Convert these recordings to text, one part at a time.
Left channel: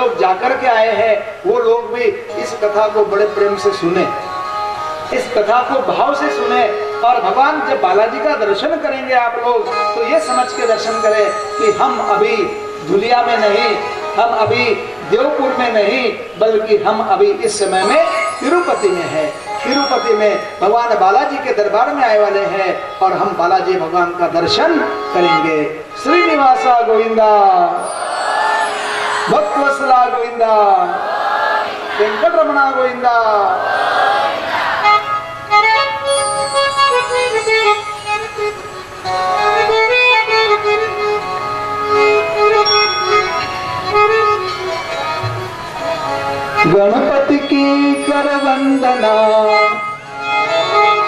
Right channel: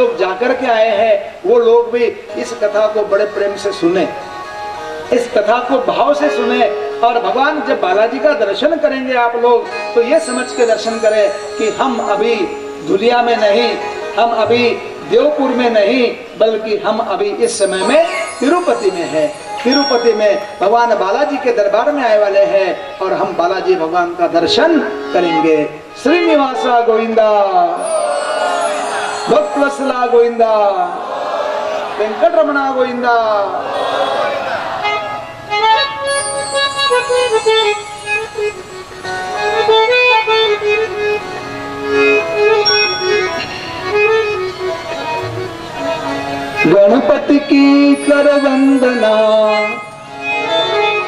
लोग जाकर के आए हैं वो लोग भी इस कथा को बड़े प्रेम से सुने, इस कथा को भाव से सुने। और भगवान जब बालाजी का दर्शन करेंगे आप लोग तो ये समझ के दर्शन करें कि हम अभी धुलिया में नहीं, हम अभी देवपुर में नहीं, बल्कि हम अभी इस समय में तिरुपति में है। तिरुपति में भगवान बालाजी के दरबार में आए वाले हैं और हम बालाजी भगवान का दर्शन करेंगे। श्रीनिवासा गोविंदा, भक्तवत्सला गोविंदा, वेंकटरमणा गोविंदा। गणपति की कर वंदना,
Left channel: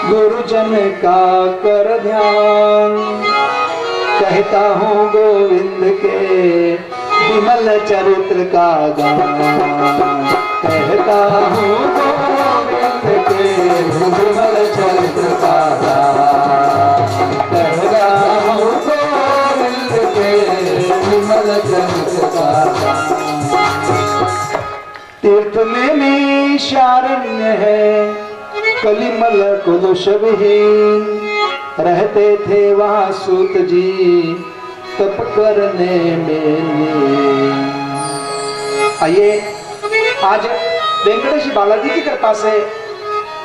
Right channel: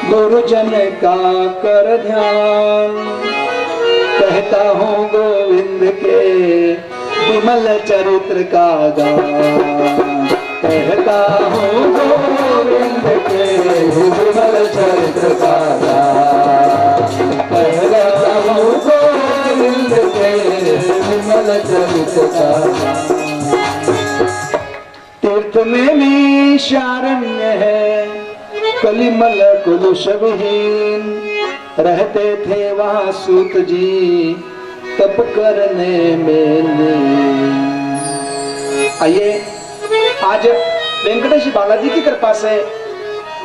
गुरुजन का कर ध्यान, कहता हूँ गोविंद के विमल चरित्र का गान, कहता हूँ गोविंद के विमल चरित्र का गान, कहता हूँ गोविंद के विमल चरित्र का गान। तीर्थ में शारण्य है, कलिमल कुलशविहीन, रहते थे वहाँ सूत जी तप करने में। आइए आज वेंकटेश बालाजी की कृपा से,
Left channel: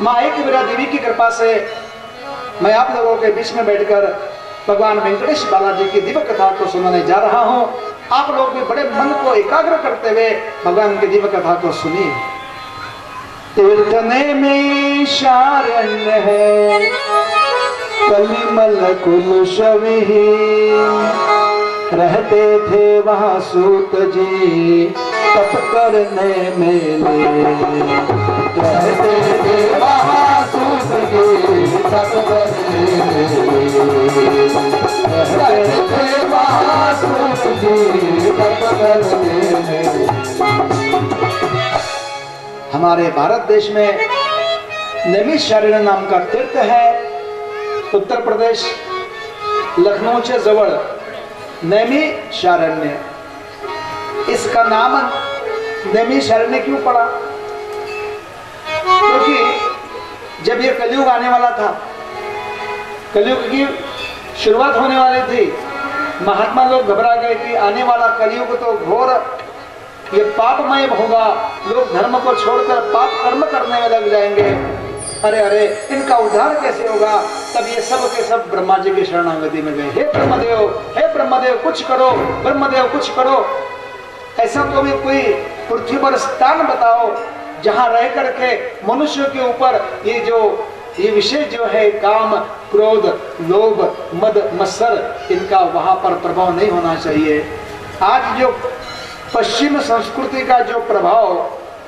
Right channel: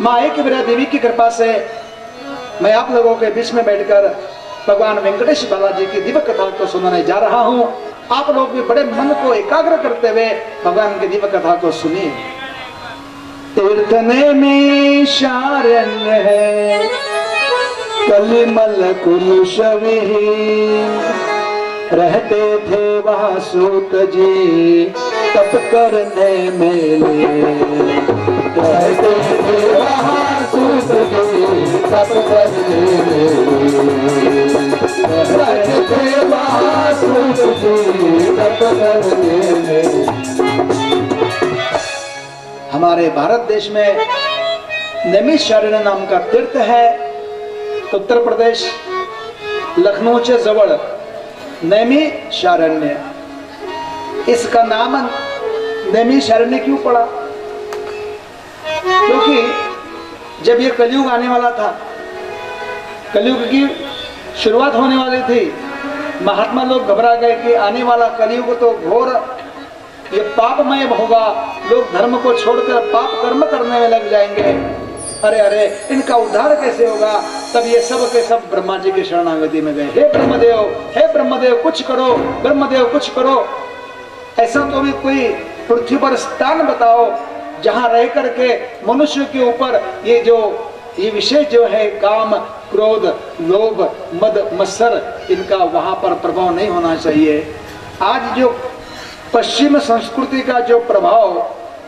माँ एक विरा देवी की कृपा से मैं आप लोगों के बीच में बैठकर भगवान वेंकटेश बालाजी की दिव्य कथा को सुनाने जा रहा हूँ। आप लोग भी बड़े मन को एकाग्र करते हुए भगवान की दिव्य कथा को सुनिए। तीर्थने में शारण्य है, कलिमल कुलशविहीन, रहते थे वहाँ सूत जी तप करने में। रहते थे वहाँ सूत जी तप करने में। रहते थे वहाँ सूत जी तप करने में। हमारे भारत देश में नैमिषारण्य नाम का तीर्थ है। उत्तर प्रदेश लखनऊ से जवळ नैमिषारण्य, इसका नाम नैमिषारण्य क्यों पड़ा? क्योंकि जब ये कलयुग आने वाला था, कलयुग की शुरुआत होने वाली थी, महात्मा लोग घबरा गए कि आने वाला कलयुग तो घोर ये पापमय होगा, लोग धर्म को छोड़कर पाप कर्म करने में लग जाएंगे। अरे अरे इनका उद्धार कैसे होगा? तब ये सब के सब ब्रह्मा जी की शरणागति में गए। हे ब्रह्मदेव कुछ करो, ब्रह्मदेव कुछ करो, ऐसा तो भी कोई पृथ्वी पर स्थान बताओ जहां रह करके मनुष्य के ऊपर ये विषय जो है काम, क्रोध, लोभ, मद, मत्सर, इनका वहां पर प्रभाव नहीं होना चाहिए। आज जो पश्चिम संस्कृति का जो प्रभाव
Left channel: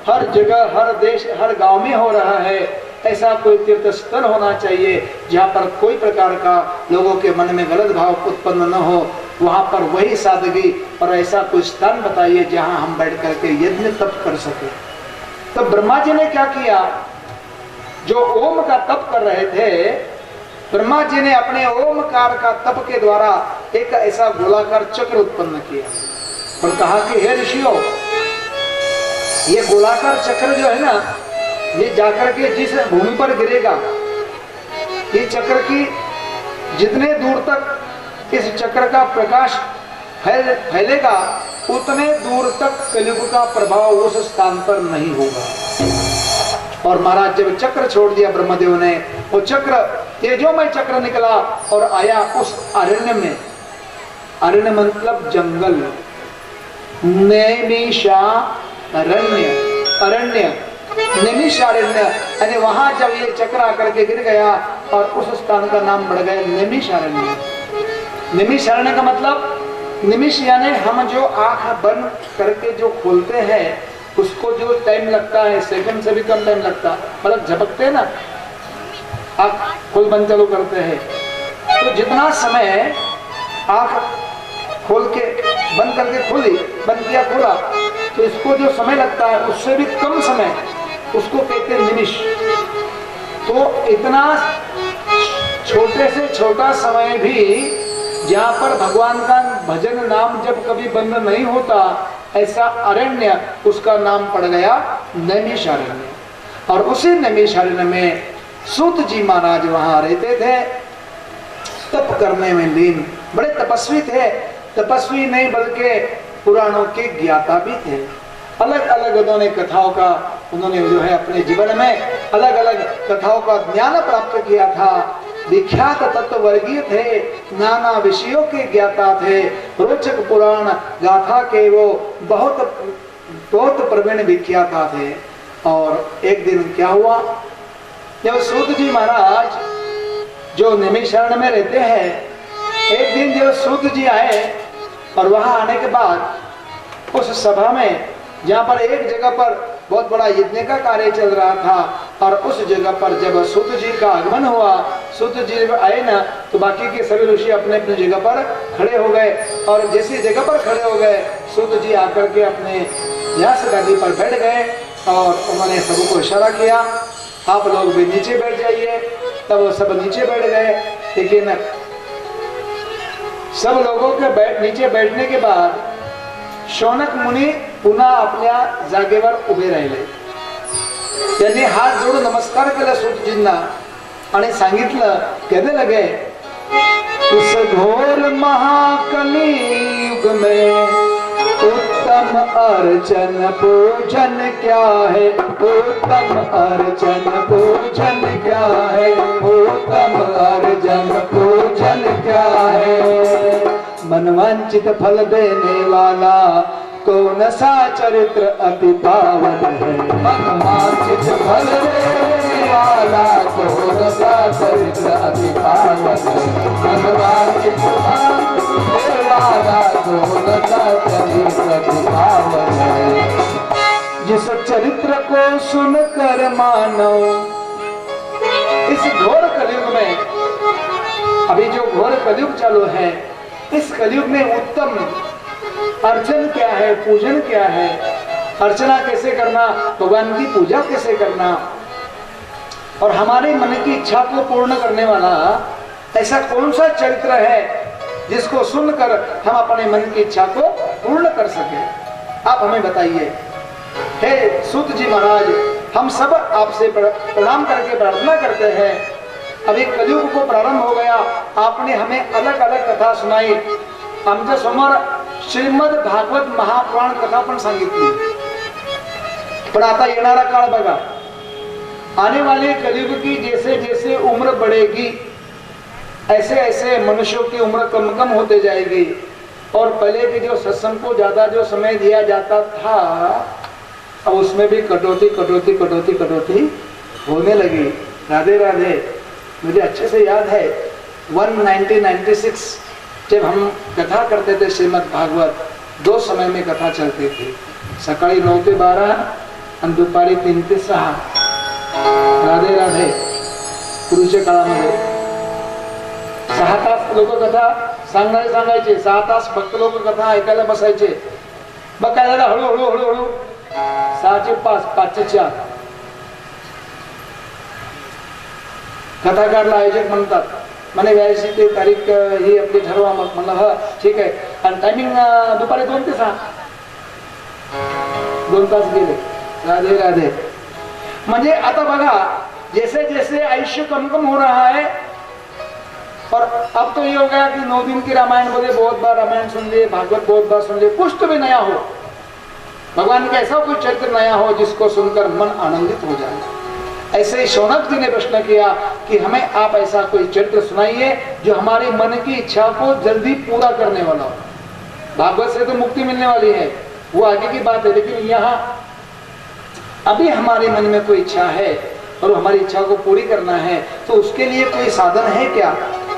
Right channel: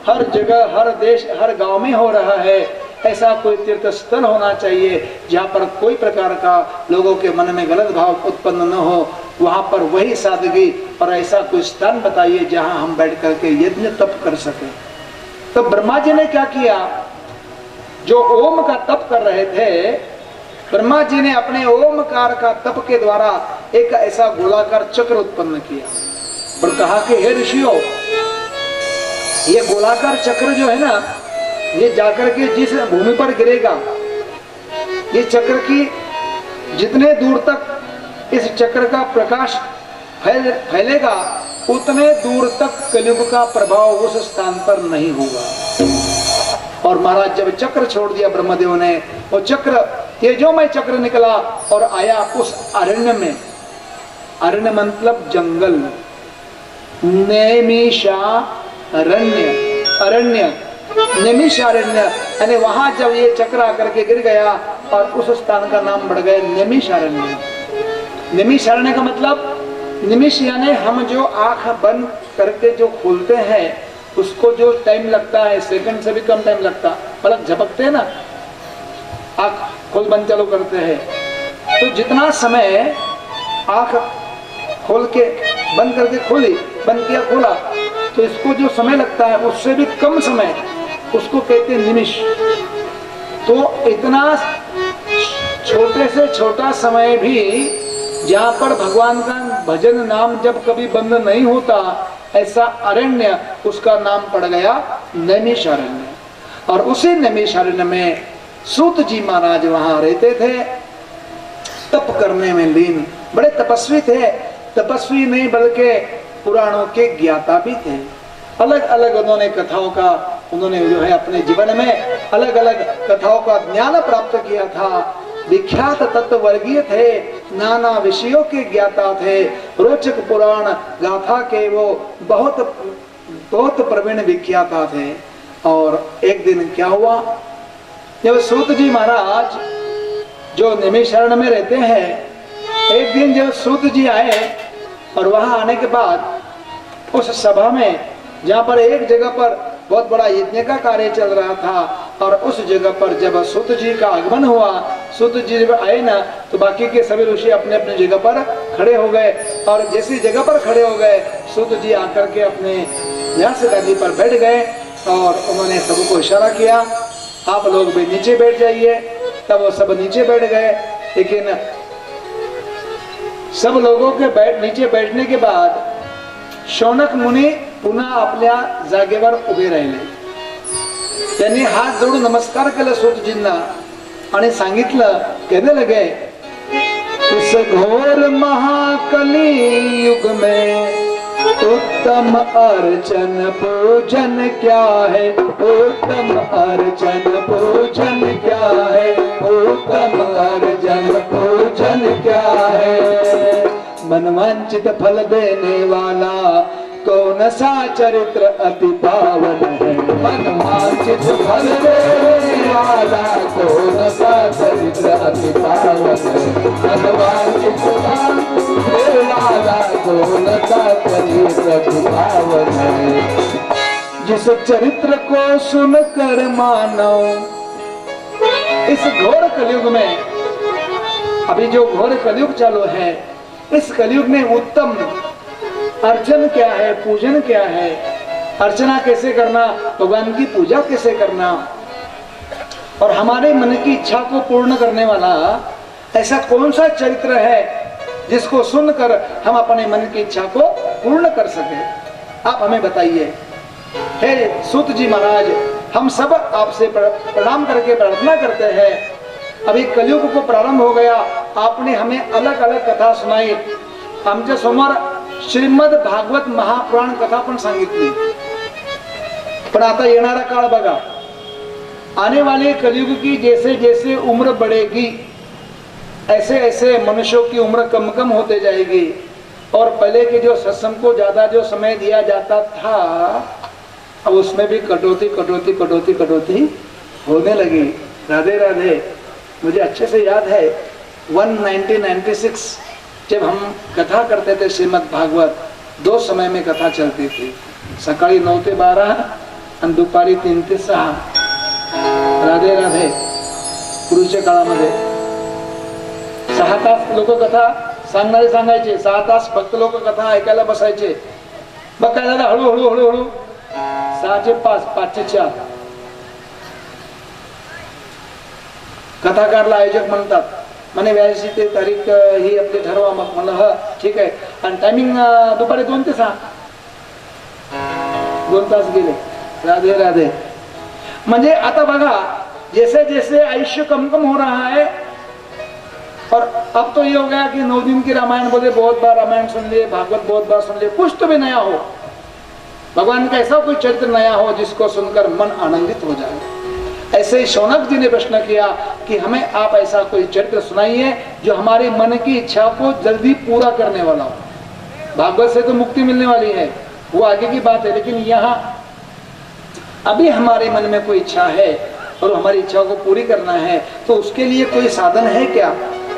हर जगह, हर देश, हर गांव में हो रहा है, ऐसा कोई तीर्थ स्थल होना चाहिए जहाँ पर कोई प्रकार का लोगों के मन में गलत भाव उत्पन्न न हो। वहां पर वही सादगी और ऐसा कोई स्थान बताइए जहां हम बैठ करके यज्ञ तप कर सके। तो ब्रह्मा जी ने क्या किया? जो ओम का तप कर रहे थे, ब्रह्मा जी ने अपने ओमकार का तप के द्वारा एक ऐसा गोलाकार चक्र उत्पन्न किया और कहा कि हे ऋषियों, ये गोलाकार चक्र जो है ना, ये जाकर के जिस भूमि पर गिरेगा, ये चक्र की जितने दूर तक इस चक्र का प्रकाश फैलेगा, उतने दूर तक कलयुग का प्रभाव उस स्थान पर नहीं होगा। और महाराज जब चक्र छोड़ दिया ब्रह्मदेव ने, वो चक्र तेजोमय चक्र निकला और आया उस अरण्य में। अरण्य मतलब जंगल, अरण्य, नैमिषारण्य, यानी वहां जब ये चक्र आकर के गिर गया और उस स्थान का नाम बढ़ गया नैमिषारण्य। नैमिषारण्य का मतलब, निमिष यानी हम जो आंख बंद करके जो खोलते हैं उसको जो टाइम लगता है, सेकंड से भी कम टाइम लगता, मतलब झपकते हैं ना, आंख खोल बंद चालू करते हैं, तो जितना समय आंख खोल के बंद करके खोली, बंद किया खोला, तो इसको जो समय लगता है उससे भी कम समय, उसको कहते हैं निमिष। तो इतना छोटे से छोटा समय भी जहाँ पर भगवान का भजन नाम जब कभी बंद नहीं होता, ऐसा अरण्य, उसका नाम पड़ गया नैमिषारण्य। और उसी नैमिषारण्य में सूत जी महाराज वहां रहते थे, तप करने में लीन, बड़े तपस्वी थे। तपस्वी नहीं बल्कि पुराणों के ज्ञाता भी थे। अलग अलग उन्होंने कथाओं का, उन्होंने जो है अपने जीवन में अलग अलग कथाओं का ज्ञान प्राप्त किया था। विख्यात तत्ववर्गीय थे, नाना विषयों के ज्ञाता थे, रोचक पुराण गाथा के वो बहुत प्रवीण विख्याता थे। और एक दिन क्या हुआ, जब सूत जी महाराज जो नैमिषारण्य में रहते हैं, एक दिन जब सूत जी आए और वहां आने के बाद उस सभा में, जहां पर एक जगह पर बहुत बड़ा यज्ञ का कार्य चल रहा था, और उस जगह पर जब सूत जी का आगमन हुआ, सूत जी जब आए ना, तो बाकी के सभी ऋषि अपने अपने जगह पर खड़े हो गए। और जैसी जगह पर खड़े हो गए, सूत जी आकर के अपने व्यास गादी पर बैठ गए और उन्होंने सबको इशारा किया, आप लोग भी नीचे बैठ जाइए। तब वो सब नीचे बैठ गए। लेकिन सब लोगों के नीचे बैठने के बाद शौनक मुनी पुन्हा आपल्या जागेवर उभे राहिले। त्यांनी हात जोडून नमस्कार केला सूतजींना आणि सांगितलं, कहने लगे, इस घोर महाकली युग में उत्तम अर्चन पूजन क्या है, उत्तम अर्चन पूजन क्या है, उत्तम अर्चन पूजन क्या है। मनवांचित फल देने वाला कौन सा चरित्र अति पावन है, मनवांचित फल देने वाला कौन सा चरित्र अति पावन है, मनवांचित फल देने वाला कौन सा चरित्र अति पावन है। जिस चरित्र को सुनकर मानो, इस घोर कलयुग में, अभी जो घोर कलयुग चालू है, इस कलयुग में उत्तम अर्चन क्या है, पूजन क्या है, अर्चना कैसे करना, भगवान की पूजा कैसे करना, और हमारे मन की इच्छा को पूर्ण करने वाला ऐसा कौन सा चरित्र है जिसको सुनकर हम अपने मन की इच्छा को पूर्ण कर सके, आप हमें बताइए। हे सूत जी महाराज, हम सब आपसे प्रणाम करके प्रार्थना करते हैं। अभी कलयुग को प्रारंभ हो गया, आपने हमें अलग अलग कथा सुनाई, आमच्या समोर श्रीमद भागवत महापुराण कथा पण सांगितली। पण आता येणारा काळ बघा, आने वाले कलयुग की जैसे जैसे उम्र बढ़ेगी, ऐसे ऐसे मनुष्यों की उम्र कम कम होते जाएगी। और पहले के जो सत्संग को ज्यादा जो समय दिया जाता था, अब उसमें भी कटौती कटौती कटौती कटौती होने लगी। राधे राधे। मुझे अच्छे से याद है 1996 जब हम कथा करते थे श्रीमद् भागवत, 2 समय में कथा चलती थी, सकाळी 9 ते 12 आणि दुपारी 3 ते 6। राधे राधे। पूर्वीच्या काळामध्ये 6 तास लोक कथा सांगायचे, 6 तास फक्त लोक कथा ऐकायला बसायचे। मग काय झालं, हळूहळू हळूहळू 6 ते 5, 5 ते 4 कथाकारला आयोजक म्हणतात, म्हणे व्यायची ते तारीख ही आपली ठरवा। मग म्हणलं हा ठीक आहे, आणि टायमिंग दुपारी 2 ते 6, 2 तास गेले। राधे राधे। म्हणजे आता बघा, जैसे जैसे आयुष्य कम कम हो रहा है, और अब तो ये हो गया कि 9 दिन की रामायण बोले, बहुत बार रामायण सुन लिए, भागवत बहुत बार सुन लिए, कुछ तो भी नया हो, भगवान का ऐसा कोई चरित्र नया हो जिसको सुनकर मन आनंदित हो जाए। ऐसे ही शौनक जी ने प्रश्न किया कि हमें आप ऐसा कोई चरित्र सुनाइए जो हमारे मन की इच्छा को जल्दी पूरा करने वाला हो। भागवत से तो मुक्ति मिलने वाली है, वो आगे की बात है, लेकिन यहाँ अभी हमारे मन में कोई इच्छा है और हमारी इच्छा को पूरी करना है, तो उसके लिए कोई साधन है क्या?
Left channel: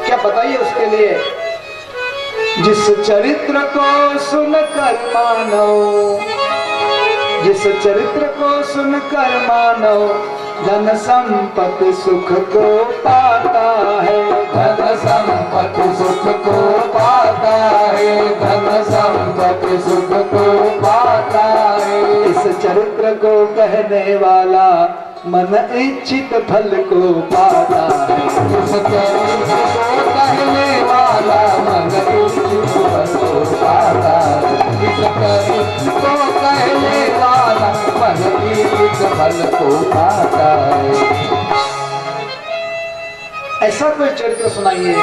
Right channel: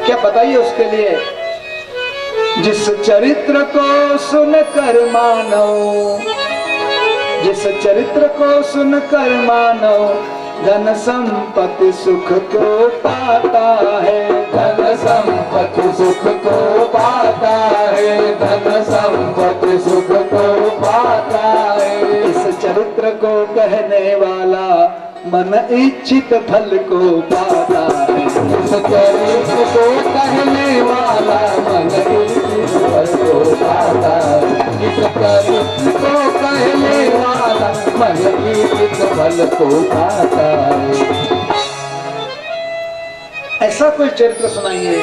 क्या बताइए उसके लिए। जिस चरित्र को सुनकर मानो, जिस चरित्र को सुनकर मानो, धन संपत्ति सुख को पाता है, धन संपत्ति सुख को पाता है, धन संपत्ति सुख को पाता है। इस चरित्र को कहने वाला मन इच्छित फल को पाता है, इस चरित्र को कहने वाला मन इच्छित फल को पाता है, कर तो कहने वाला मही किस भल को पाता है। ऐसा कोई चरित्र सुनाइए,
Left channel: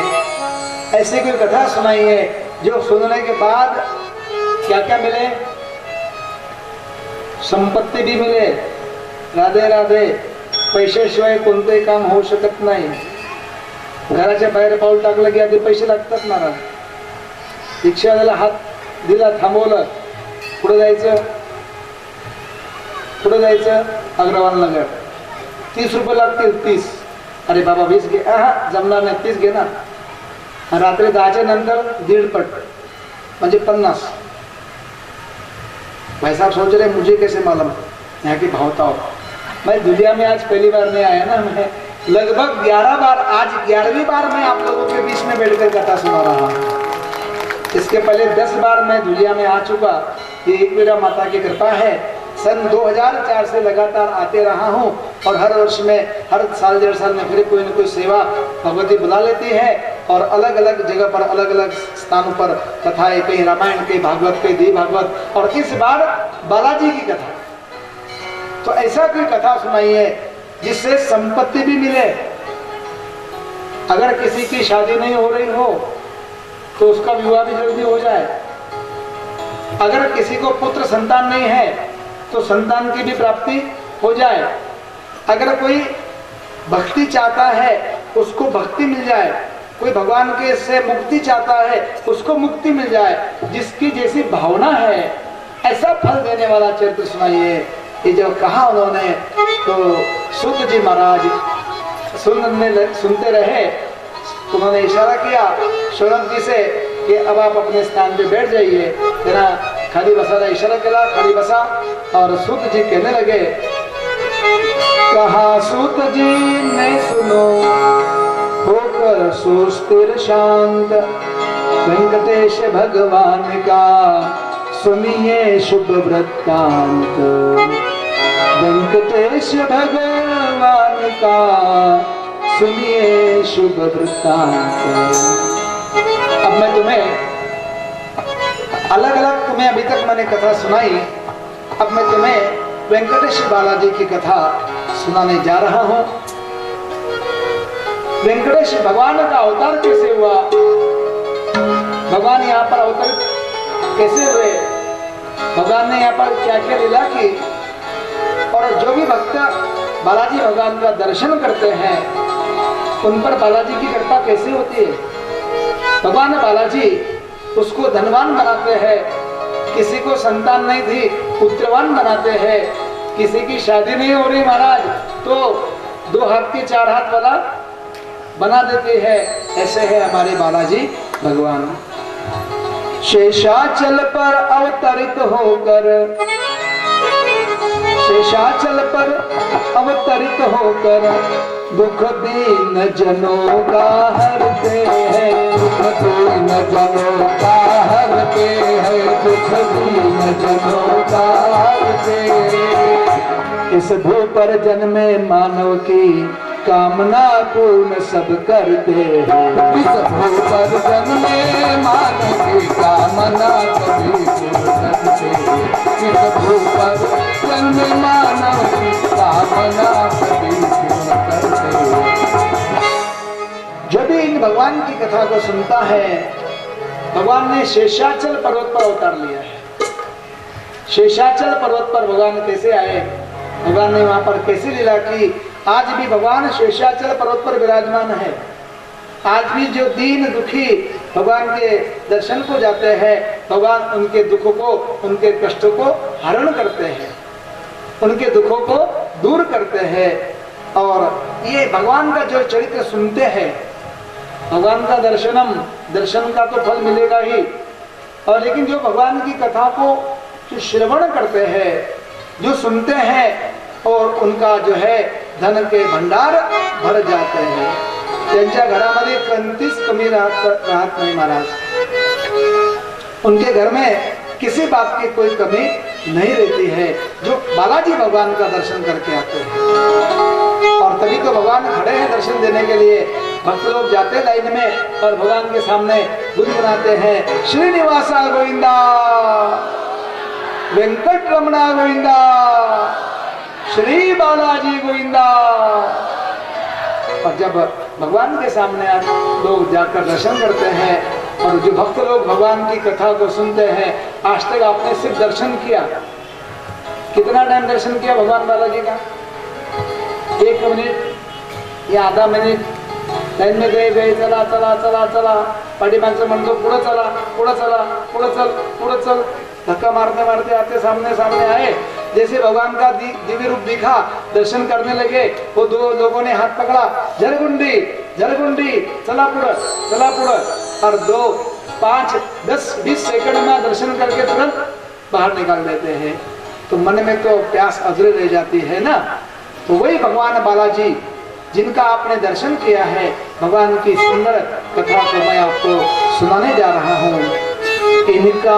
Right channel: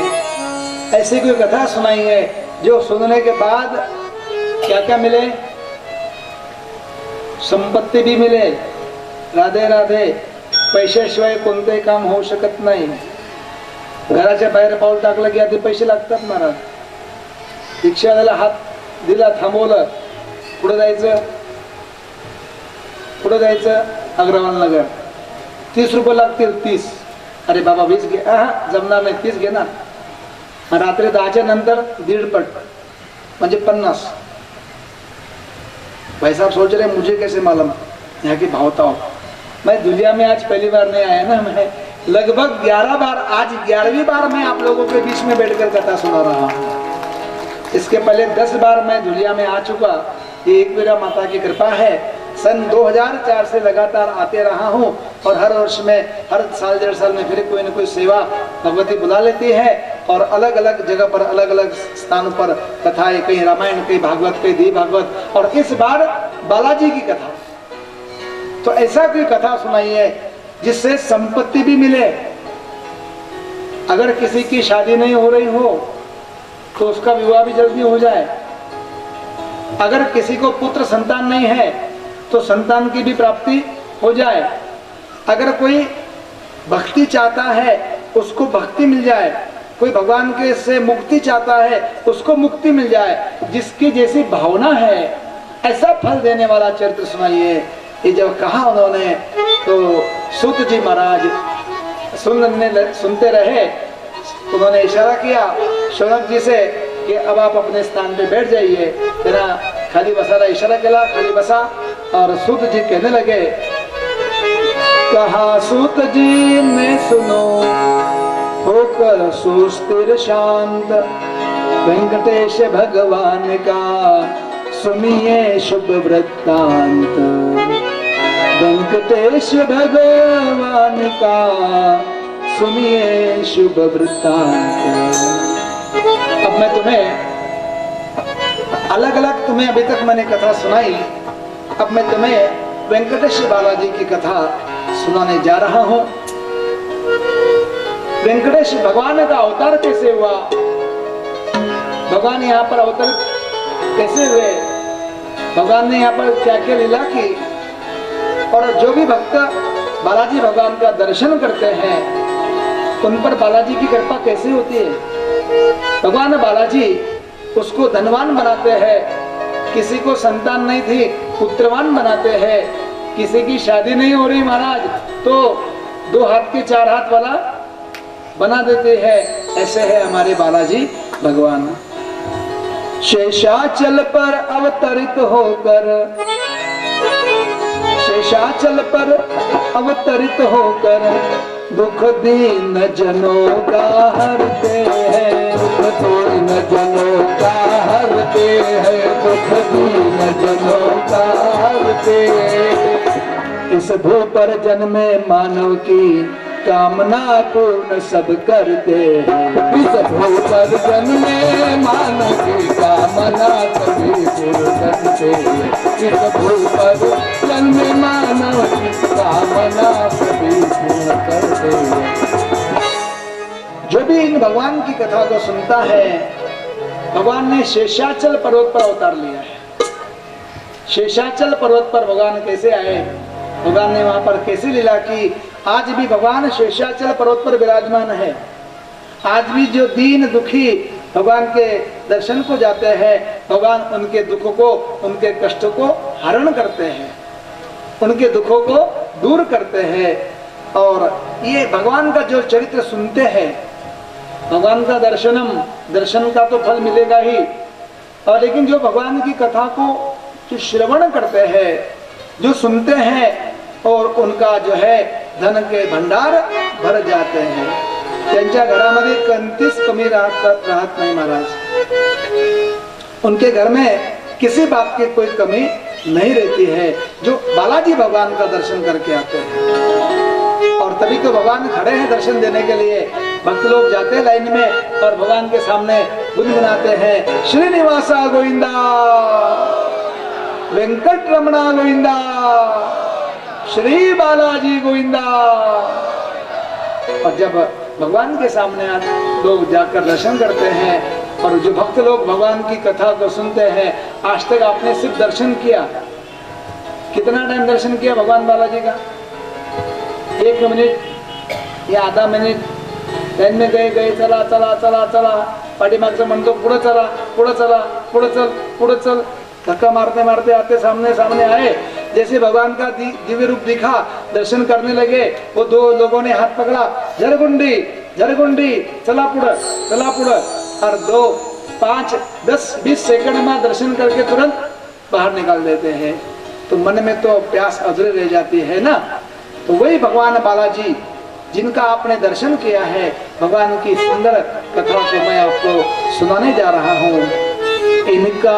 ऐसी कोई कथा सुनाइए जो सुनने के बाद क्या क्या मिले, संपत्ती भी मिले, राधे राधे, पैशाशिवाय कोणतेही काम होऊ शकत नाही, घराच्या बाहेर पाऊल टाकलं की आधी पैसे लागतात महाराज, रिक्षावाल्याला हात दिला, थांबवलं, पुढे जायचं, पुढे जायचं, अग्रवाल नगर 30 रुपये लागतील, 30, अरे बाबा 20 घे, जमणार नाही, 30 घे ना, रात्री 10च्या नंतर 1.5 पट म्हणजे 50। भाई साहब सोच रहे मुझे कैसे मालूम यहाँ की भावताओं, मैं दुनिया में आज पहली बार नहीं आया ना, मैं लगभग 11 बार, आज 11वीं बार मैं आप लोगों के बीच में बैठकर कथा सुना रहा हूँ। इसके पहले 10 बार मैं दुनिया में आ चुका, ये एक मेरा माता की कृपा है। सन 2004 से लगातार आते रहा हूँ और हर वर्ष में, हर साल 1.5 साल में फिर कोई न कोई सेवा भगवती बुला लेती है और अलग अलग जगह पर, अलग अलग स्थानों पर कथाएं, कहीं रामायण, कहीं भागवत, कहीं देवी भागवत, और इस बार बालाजी की कथा। तो ऐसा कोई कथा सुनाइए जिससे संपत्ति भी मिले, अगर किसी की शादी नहीं हो रही हो तो उसका विवाह भी जल्दी हो जाए, अगर किसी को पुत्र संतान नहीं है तो संतान की भी प्राप्ति हो जाए, अगर कोई भक्ति चाहता है उसको भक्ति मिल जाए, कोई भगवान के से मुक्ति चाहता है उसको मुक्ति मिल जाए, जिसकी जैसी भावना है ऐसा फल देने वाला चरित्र सुनाइए। ये जब कहा उन्होंने तो सूत जी महाराज सुनते रहे, उन्होंने इशारा किया शौनक जी से कि अब आप अपने स्थान पे बैठ जाइए, तेरा खाली बसा रहा, इशारा किया, खाली बसा, और सूत जी कहने लगे, कहा सूत जी ने सुनो होकर सुस्थिर शांत, वेंकटेश भगवान का सुनिए शुभ वृत्तांत, वेंकटेश भगवान का सुनिए शुभ वृत्तांत। अब मैं तुम्हें अलग अलग, तुम्हें अभी तक मैंने कथा सुनाई, अब मैं तुम्हें वेंकटेश बालाजी की कथा सुनाने जा रहा हूं। वेंकटेश भगवान का अवतार कैसे हुआ, भगवान यहाँ पर अवतरित कैसे हुए, भगवान ने यहाँ पर क्या क्या लीला की, और जो भी भक्त बालाजी भगवान का दर्शन करते हैं उन पर बालाजी की कृपा कैसे होती है। भगवान बालाजी उसको धनवान बनाते हैं, किसी को संतान नहीं थी पुत्रवान बनाते हैं, किसी की शादी नहीं हो रही महाराज तो 2 हाथ के 4 हाथ वाला बना देते हैं। ऐसे है हमारे बालाजी भगवान। शेषाचल पर अवतरित होकर, शेषाचल पर अवतरित होकर दुख दीन जनों का हरते हैं, दुख दीन जनों का हरते हैं, दुख दीन जनों का हरते हैं। इस भू पर जन्मे मानव की कामना पूर्ण सब करते हैं, इस भू पर जन्मे मानव की कामना सभी पूर्ण करते हैं, इस भू पर जन्मे मानव की कामना सभी पूर्ण करते हैं। जो भी इन भगवान की कथा को सुनता है, भगवान ने शेषाचल पर्वत पर अवतार लिया है। शेषाचल पर्वत पर भगवान कैसे आए, भगवान ने वहां पर कैसी लीला की, आज भी भगवान शेषाचल पर्वत पर विराजमान है। आज भी जो दीन दुखी भगवान के दर्शन को जाते हैं, भगवान उनके दुखों को, उनके कष्टों को हरण करते हैं, उनके दुखों को दूर करते हैं। और ये भगवान का जो चरित्र सुनते हैं, भगवान का दर्शन का तो फल मिलेगा ही, और लेकिन जो भगवान की कथा को जो श्रवण करते हैं, जो सुनते हैं, और उनका जो है धन के भंडार भर जाते हैं। त्यांच्या घरामध्ये कंतीस कमी राहत नाही महाराज, उनके घर में किसी बात की कोई कमी नहीं रहती है, जो बालाजी भगवान का दर्शन करके आते हैं। और तभी तो भगवान खड़े हैं दर्शन देने के लिए, भक्त लोग जाते हैं लाइन में और भगवान के सामने गुनगुनाते हैं, श्रीनिवासा गोविंदा। वेंकट रमणा गोविंदा, श्री बालाजी गोविंदा। और जब भगवान के सामने आज लोग जाकर दर्शन करते हैं और जो भक्त लोग भगवान की कथा को सुनते हैं, आज तक आपने सिर्फ दर्शन किया, कितना टाइम दर्शन किया भगवान बालाजी का? 1 मिनिट या आधा मिनिट लाइन में गए, चला चला चला चला, पाठीमागचं म्हणतो पुढं चला, पुढं चला, पुढं चल, पुढं चल, धक्का मारते मारते आते सामने सामने आए। जैसे भगवान का दिव्य रूप दिखा, दर्शन करने लगे, वो 2 लोगों ने हाथ पकड़ा, झरगुंडी झरगुंडी, चला पुढं, और 2, 5, 10, 20 सेकंड में दर्शन करके तुरंत बाहर निकाल देते हैं। तो मन में तो प्यास अधूरी रह जाती है ना। तो वही भगवान बालाजी जिनका आपने दर्शन किया है, भगवान की सुंदर कथा को मैं आपको सुनाने जा रहा हूँ। इनका